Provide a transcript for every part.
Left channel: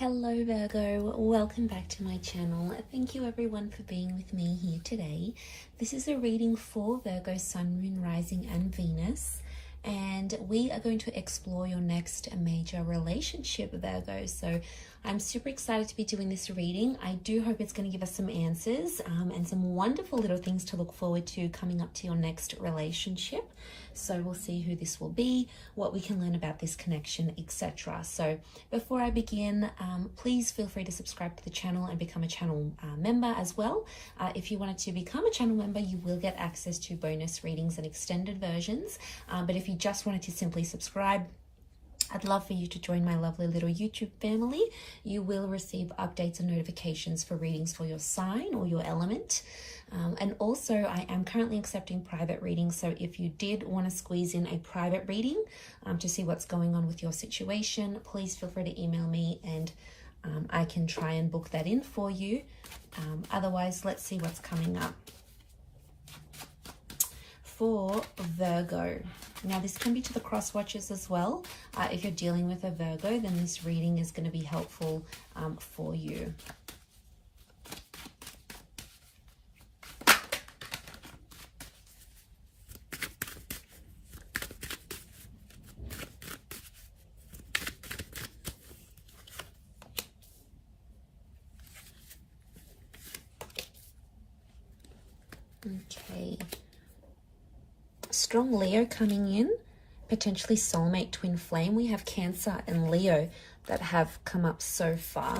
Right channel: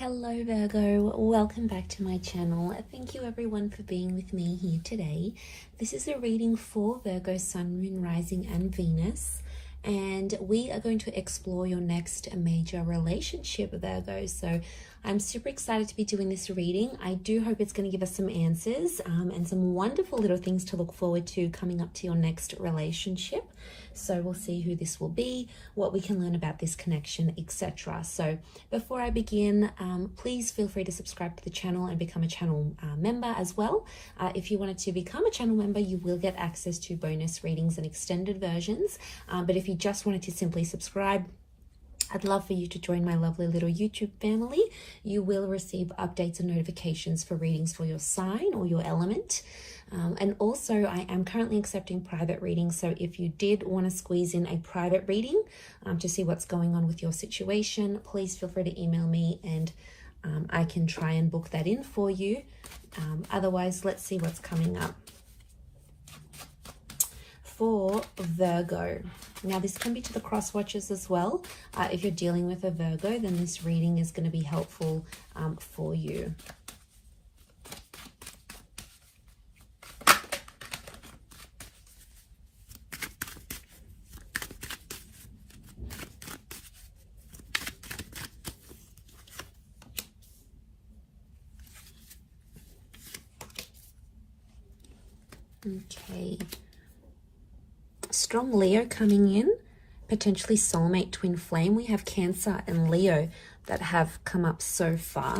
Hello Virgo, welcome back to my channel. Thank you everyone for being with me here today. This is a reading for Virgo, Sun, Moon, Rising and Venus, and we are going to explore your next major relationship, Virgo. So I'm super excited to be doing this reading. I do hope it's going to give us some answers and some wonderful little things to look forward to coming up to your next relationship. So we'll see who this will be, what we can learn about this connection, etc. So before I begin, please feel free to subscribe to the channel and become a channel member as well. If you wanted to become a channel member, you will get access to bonus readings and extended versions. But if you just wanted to simply subscribe, I'd love for you to join my lovely little YouTube family. You will receive updates and notifications for readings for your sign or your element. And also, I am currently accepting private readings. So if you did want to squeeze in a private reading to see what's going on with your situation, please feel free to email me and I can try and book that in for you. Otherwise, let's see what's coming up for Virgo. Now, this can be to the cross watchers as well. If you're dealing with a Virgo, then this reading is going to be helpful for you. Okay. Strong Leo coming in, potentially soulmate twin flame. We have Cancer and Leo that have come up so far.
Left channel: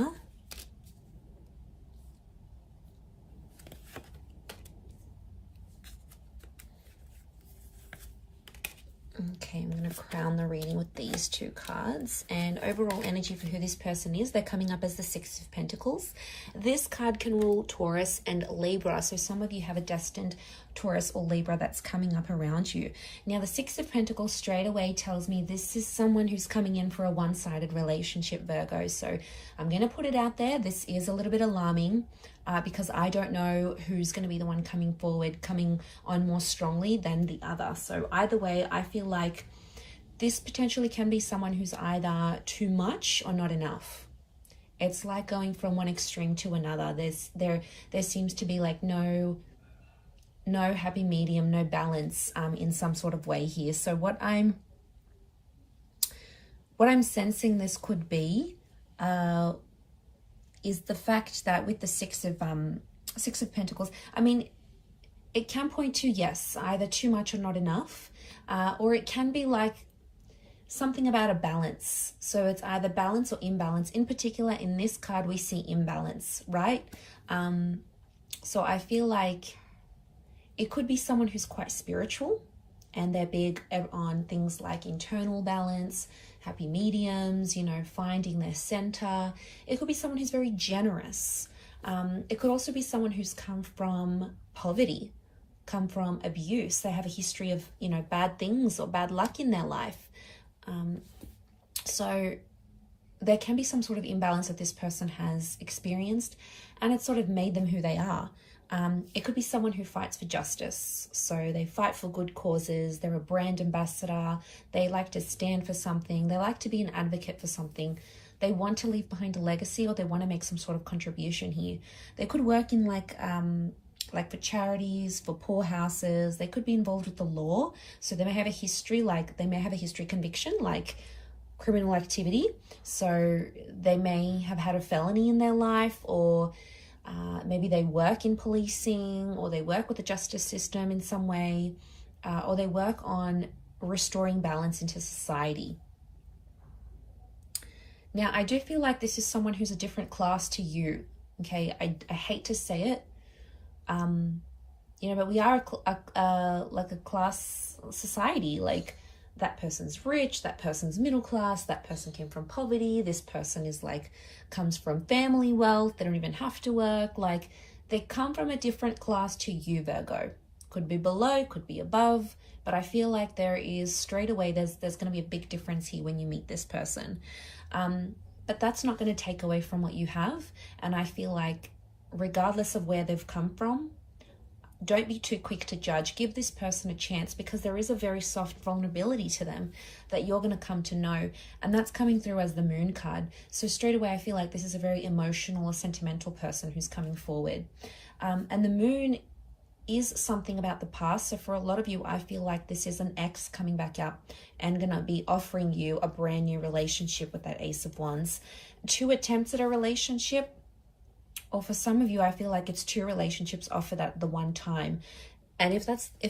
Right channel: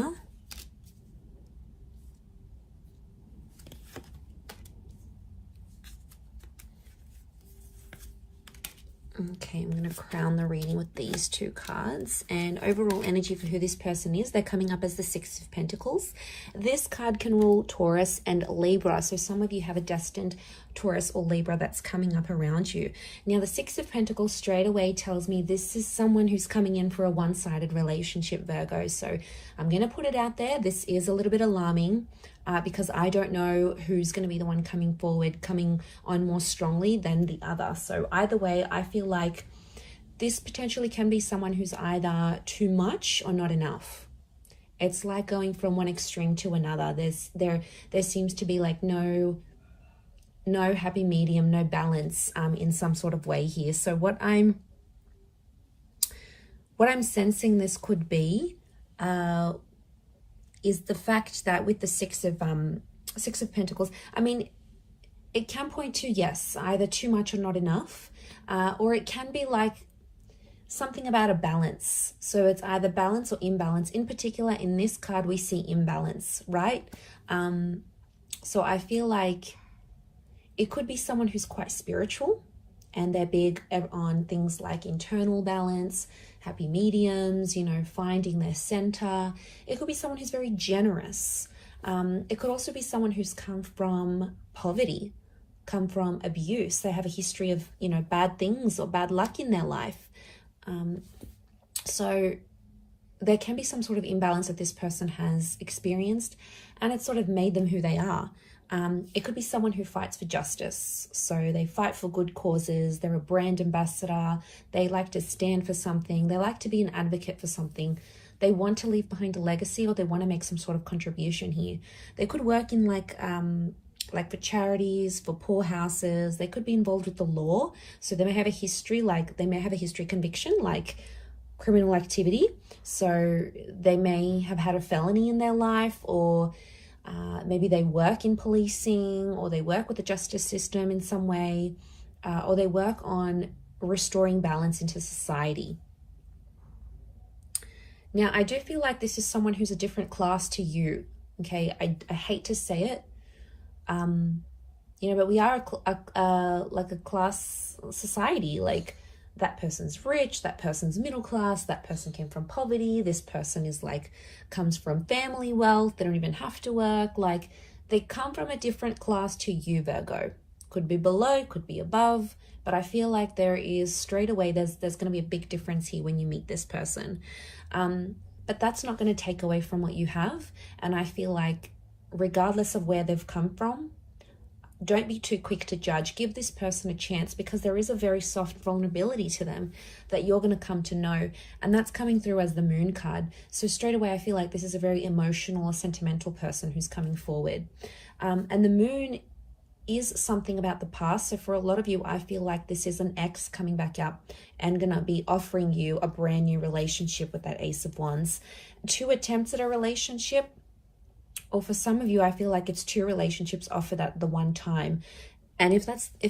Okay, I'm going to crown the reading with these two cards. And overall energy for who this person is, they're coming up as the Six of Pentacles. This card can rule Taurus and Libra. So some of you have a destined Taurus or Libra that's coming up around you. Now, the Six of Pentacles straight away tells me this is someone who's coming in for a one-sided relationship, Virgo. So I'm going to put it out there. This is a little bit alarming. Because I don't know who's going to be the one coming forward, coming on more strongly than the other. So either way, I feel like this potentially can be someone who's either too much or not enough. It's like going from one extreme to another. There seems to be like no happy medium, no balance in some sort of way here. So what I'm sensing this could be is the fact that with the Six of Pentacles, I mean, it can point to, yes, either too much or not enough, or it can be like something about a balance. So it's either balance or imbalance. In particular, in this card, we see imbalance, right? So I feel like it could be someone who's quite spiritual and they're big on things like internal balance, happy mediums, you know, finding their center. It could be someone who's very generous. It could also be someone who's come from poverty, come from abuse. They have a history of, you know, bad things or bad luck in their life. So there can be some sort of imbalance that this person has experienced, and it's sort of made them who they are. It could be someone who fights for justice. So they fight for good causes. They're a brand ambassador. They like to stand for something. They like to be an advocate for something. They want to leave behind a legacy, or they want to make some sort of contribution here. They could work in like for charities, for poor houses. They could be involved with the law. So they may have a history, conviction, like criminal activity. So they may have had a felony in their life, or maybe they work in policing, or they work with the justice system in some way, or they work on restoring balance into society. Now, I do feel like this is someone who's a different class to you, okay? I hate to say it, you know, but we are like a class society. Like, that person's rich, that person's middle class, that person came from poverty, this person is like, comes from family wealth, they don't even have to work. Like, they come from a different class to you, Virgo. Could be below, could be above, but I feel like there is straight away, there's going to be a big difference here when you meet this person. But that's not going to take away from what you have. And I feel like regardless of where they've come from, don't be too quick to judge. Give this person a chance, because there is a very soft vulnerability to them that you're going to come to know. And that's coming through as the moon card. So straight away, I feel like this is a very emotional or sentimental person who's coming forward. And the moon is something about the past. So for a lot of you, I feel like this is an ex coming back up and going to be offering you a brand new relationship with that Ace of Wands. 2 attempts at a relationship, or for some of you, I feel like it's 2 relationships offered at the one time. And if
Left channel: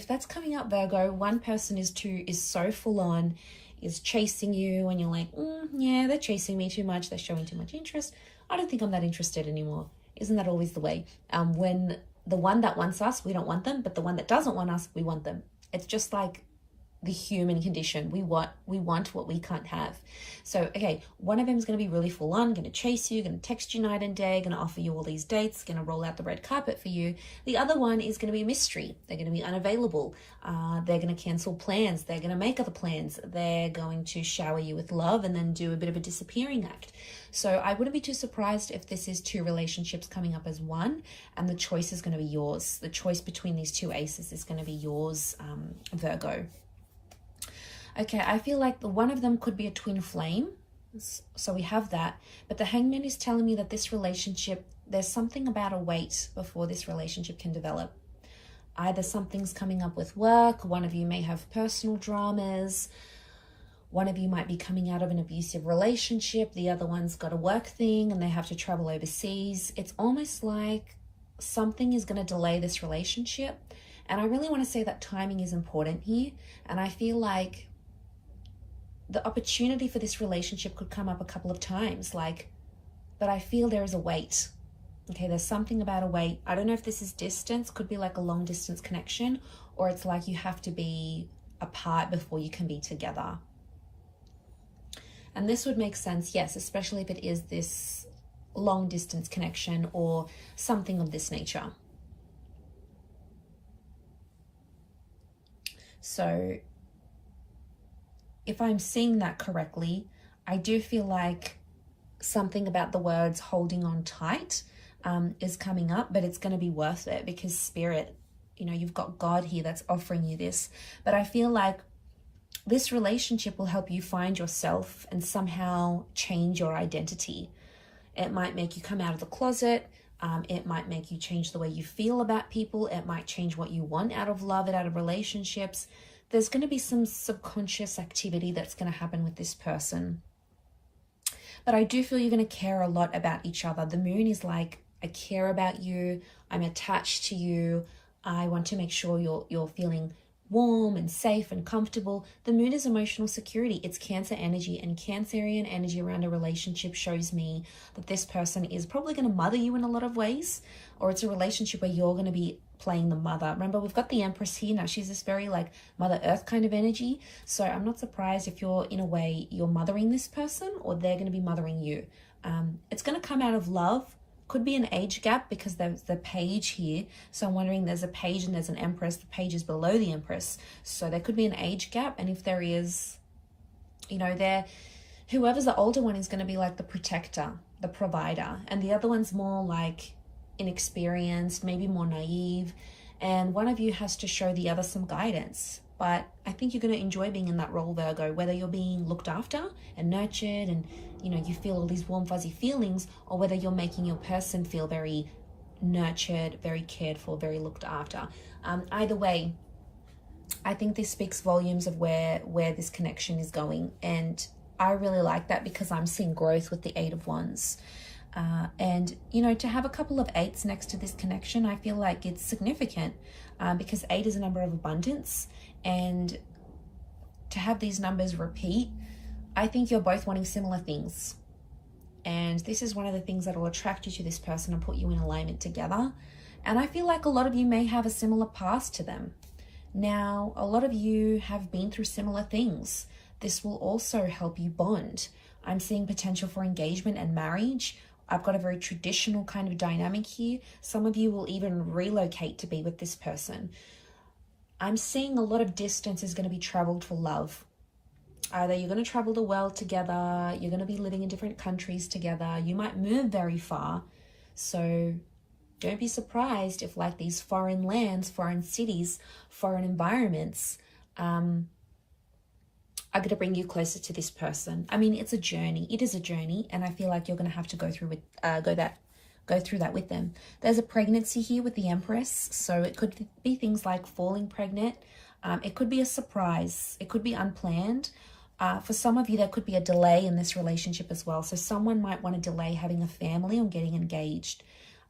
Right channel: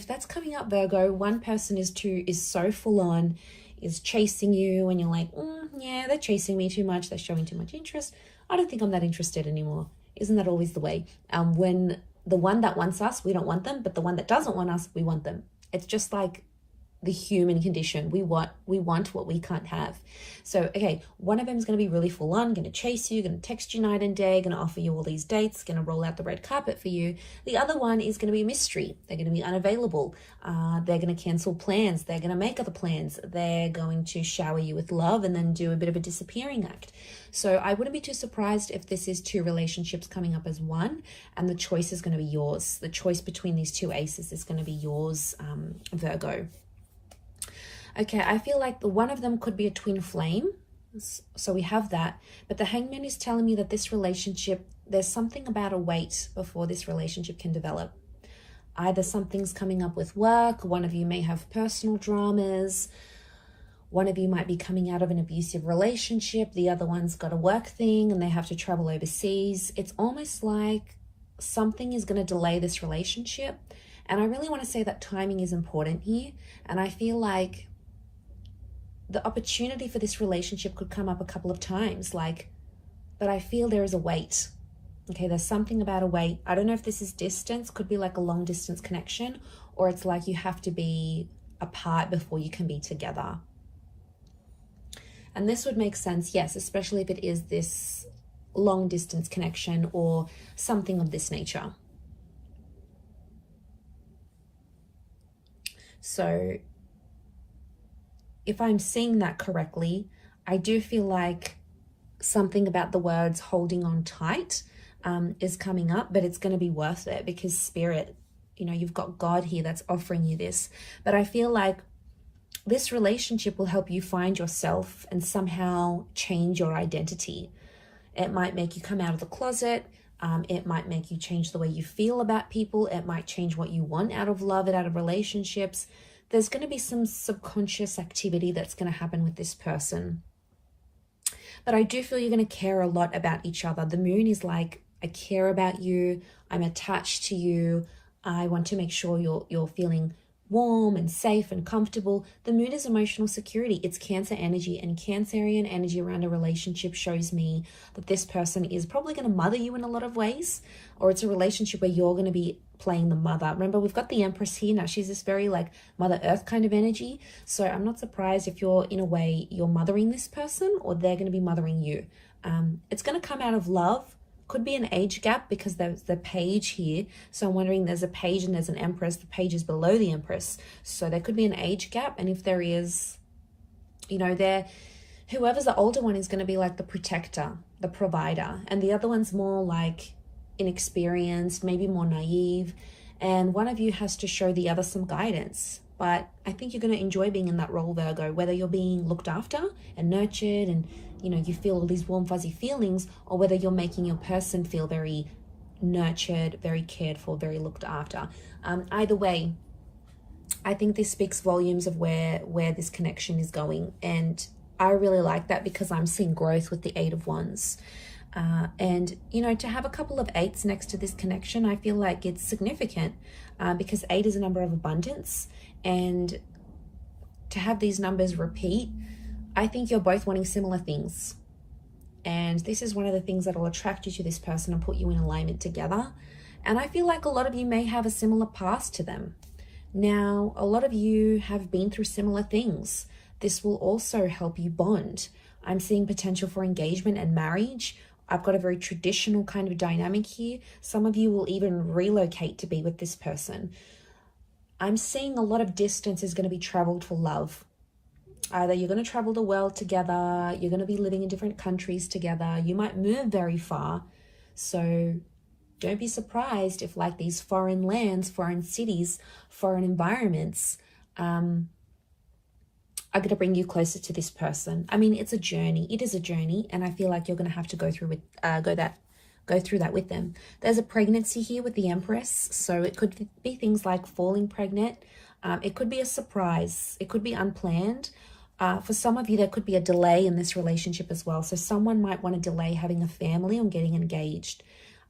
that's coming up, Virgo, one person is so full on, is chasing you, and you're like, yeah, they're chasing me too much, they're showing too much interest. I don't think I'm that interested anymore. Isn't that always the way? When the one that wants us, we don't want them, but the one that doesn't want us, we want them. It's just like the human condition. We want what we can't have. So, okay, one of them is going to be really full on, going to chase you, going to text you night and day, going to offer you all these dates, going to roll out the red carpet for you. The other one is going to be a mystery. They're going to be unavailable. They're going to cancel plans. They're going to make other plans. They're going to shower you with love and then do a bit of a disappearing act. So I wouldn't be too surprised if this is 2 relationships coming up as one, and the choice is going to be yours. The choice between these 2 aces is going to be yours, Virgo. Okay, I feel like the one of them could be a twin flame. So we have that. But the Hangman is telling me that this relationship, there's something about a wait before this relationship can develop. Either something's coming up with work, one of you may have personal dramas, one of you might be coming out of an abusive relationship, the other one's got a work thing and they have to travel overseas. It's almost like something is going to delay this relationship. And I really want to say that timing is important here. And I feel like the opportunity for this relationship could come up a couple of times, but I feel there is a wait. Okay, there's something about a wait. I don't know if this is distance, could be like a long distance connection, or it's like you have to be apart before you can be together. And this would make sense, yes, especially if it is this long distance connection or something of this nature. So if I'm seeing that correctly, I do feel like something about the words holding on tight is coming up, but it's going to be worth it, because Spirit, you've got God here that's offering you this. But I feel like this relationship will help you find yourself and somehow change your identity. It might make you come out of the closet. It might make you change the way you feel about people. It might change what you want out of love and out of relationships. There's going to be some subconscious activity that's going to happen with this person. But I do feel you're going to care a lot about each other. The moon is like, I care about you. I'm attached to you. I want to make sure you're feeling warm and safe and comfortable. The moon is emotional security. It's Cancer energy, and Cancerian energy around a relationship shows me that this person is probably going to mother you in a lot of ways, or it's a relationship where you're going to be playing the mother. Remember, we've got the Empress here now. She's this very like Mother Earth kind of energy. So I'm not surprised if you're, in a way, you're mothering this person, or they're going to be mothering you. It's going to come out of love. Could be an age gap, because there's the page here. So I'm wondering, there's a page and there's an Empress. The page is below the Empress. So there could be an age gap. And if there is, whoever's the older one is going to be like the protector, the provider. And the other one's more like inexperienced, maybe more naive. And one of you has to show the other some guidance. But I think you're going to enjoy being in that role, Virgo, whether you're being looked after and nurtured and, you feel all these warm, fuzzy feelings, or whether you're making your person feel very nurtured, very cared for, very looked after. Either way, I think this speaks volumes of where this connection is going. And I really like that, because I'm seeing growth with the 8 of Wands. And, to have a couple of 8s next to this connection, I feel like it's significant, because 8 is a number of abundance. And to have these numbers repeat, I think you're both wanting similar things. And this is one of the things that will attract you to this person and put you in alignment together. And I feel like a lot of you may have a similar past to them. Now, a lot of you have been through similar things. This will also help you bond. I'm seeing potential for engagement and marriage. I've got a very traditional kind of dynamic here. Some of you will even relocate to be with this person. I'm seeing a lot of distance is going to be traveled for love. Either you're going to travel the world together, you're going to be living in different countries together, you might move very far. So don't be surprised if like these foreign lands, foreign cities, foreign environments are going to bring you closer to this person. I mean, it's a journey. It is a journey, and I feel like you're going to have to go through that with them. There's a pregnancy here with the Empress, so it could be things like falling pregnant. It could be a surprise. It could be unplanned. For some of you, there could be a delay in this relationship as well. So someone might want to delay having a family or getting engaged.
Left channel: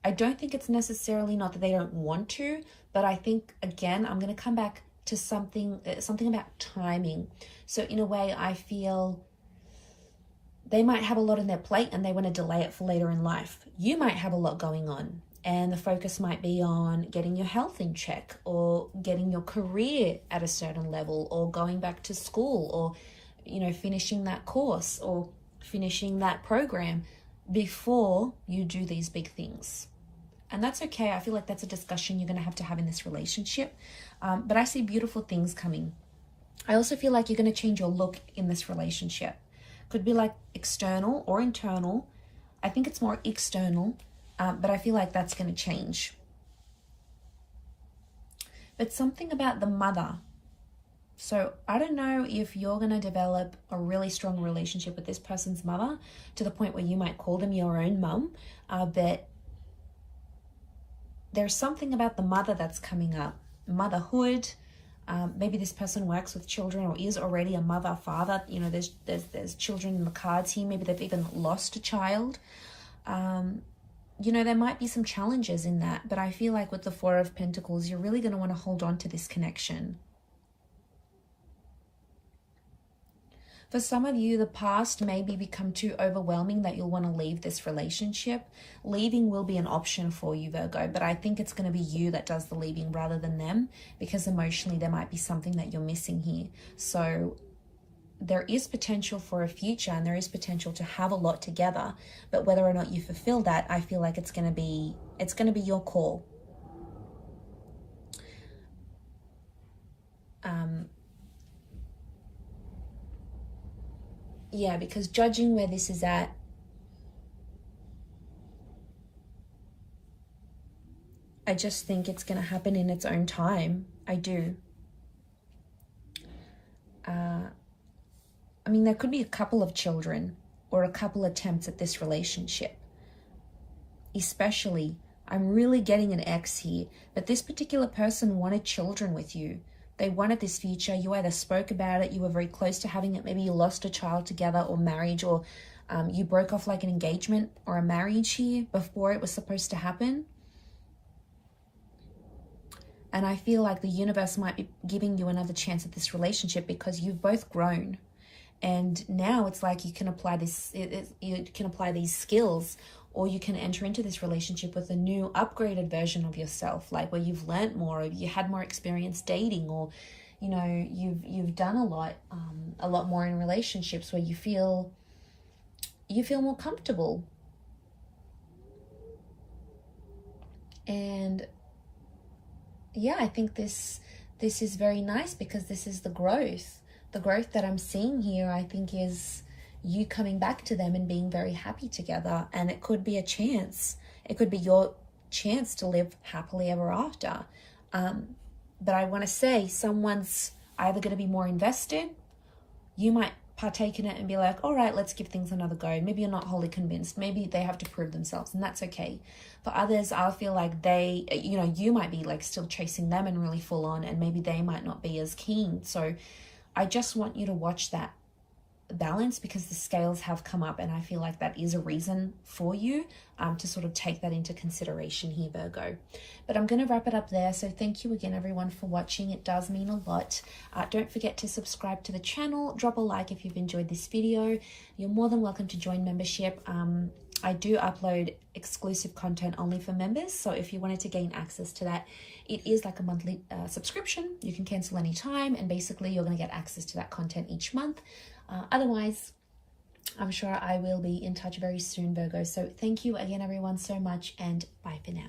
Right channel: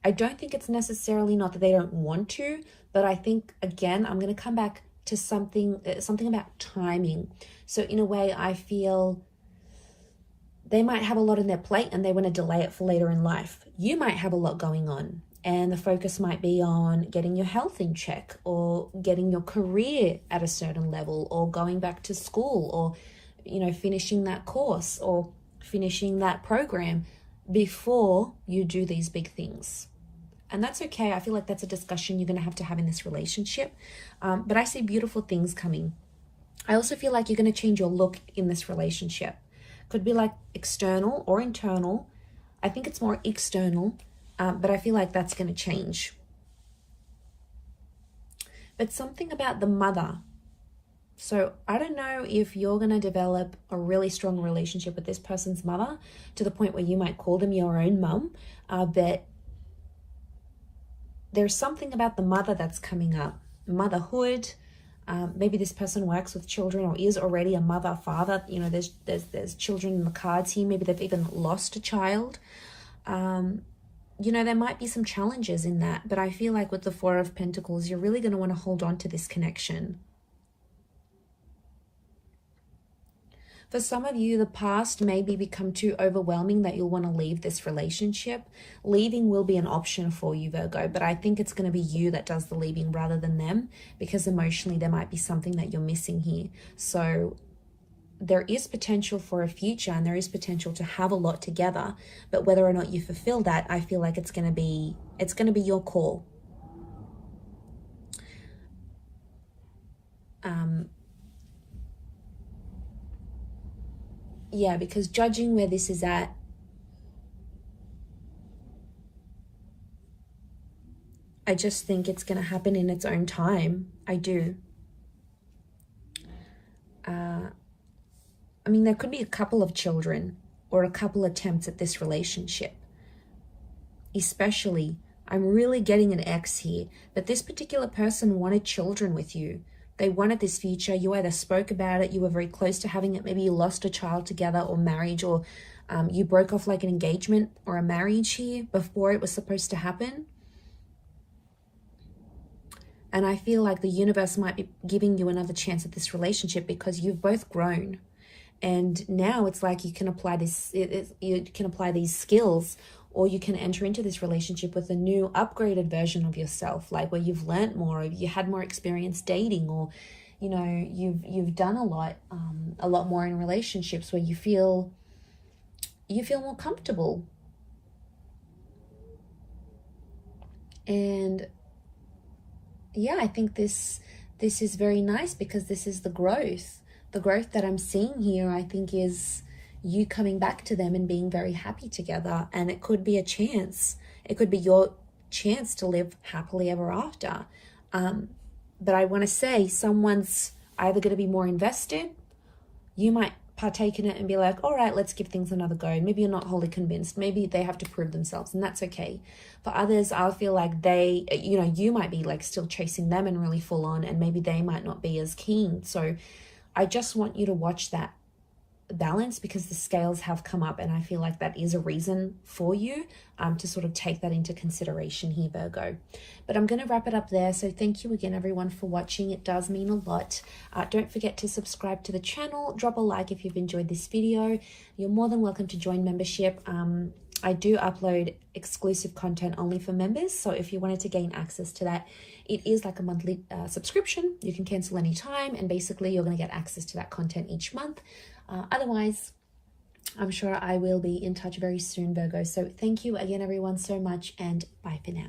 I don't think it's necessarily not that they don't want to, but I think, again, I'm going to come back to something about timing. So in a way, I feel they might have a lot on their plate and they want to delay it for later in life. You might have a lot going on, and the focus might be on getting your health in check, or getting your career at a certain level, or going back to school, or, you know, finishing that course or finishing that program before you do these big things. And that's okay. I feel like that's a discussion you're going to have in this relationship. But I see beautiful things coming. I also feel like you're going to change your look in this relationship. Could be like external or internal. I think it's more external, but I feel like that's going to change. But something about the mother. So I don't know if you're going to develop a really strong relationship with this person's mother to the point where you might call them your own mum, but there's something about the mother that's coming up. Motherhood. Maybe this person works with children or is already a mother, father. You know, there's children in the cards here. Maybe they've even lost a child. You know, there might be some challenges in that, but I feel like with the Four of Pentacles, you're really going to want to hold on to this connection. For some of you, the past may become too overwhelming that you'll want to leave this relationship. Leaving will be an option for you, Virgo, but I think it's going to be you that does the leaving rather than them, because emotionally there might be something that you're missing here. So there is potential for a future, and there is potential to have a lot together, but whether or not you fulfill that, I feel like it's going to be your call. Yeah, because judging where this is at, I just think it's going to happen in its own time. I do. I mean, there could be a couple of children or a couple attempts at this relationship. Especially, I'm really getting an X here, that this particular person wanted children with you. They wanted this future. You either spoke about it, you were very close to having it, maybe you lost a child together, or marriage, or you broke off like an engagement or a marriage here before it was supposed to happen. And I feel like the universe might be giving you another chance at this relationship because you've both grown. And now it's like you can apply this, you can apply these skills, or you can enter into this relationship with a new upgraded version of yourself, like where you've learnt more, or you had more experience dating, or, you know, you've done a lot more in relationships where you feel more comfortable. And yeah, I think this is very nice, because this is the growth. The growth that I'm seeing here, I think, is you coming back to them and being very happy together. And it could be a chance. It could be your chance to live happily ever after. But I want to say someone's either going to be more invested. You might partake in it and be like, all right, let's give things another go. Maybe you're not wholly convinced. Maybe they have to prove themselves, and that's okay. For others, I feel like they, you know, you might be like still chasing them and really full on, and maybe they might not be as keen. So I just want you to watch that balance, because the scales have come up, and I feel like that is a reason for you to sort of take that into consideration here, Virgo. But I'm going to wrap it up there. So thank you again, everyone, for watching. It does mean a lot. Don't forget to subscribe to the channel. Drop a like if you've enjoyed this video. You're more than welcome to join membership. I do upload exclusive content only for members, so if you wanted to gain access to that, it is like a monthly subscription. You can cancel anytime, and basically you're going to get access to that content each month. Otherwise, I'm sure I will be in touch very soon, Virgo. So thank you again, everyone, so much, and bye for now.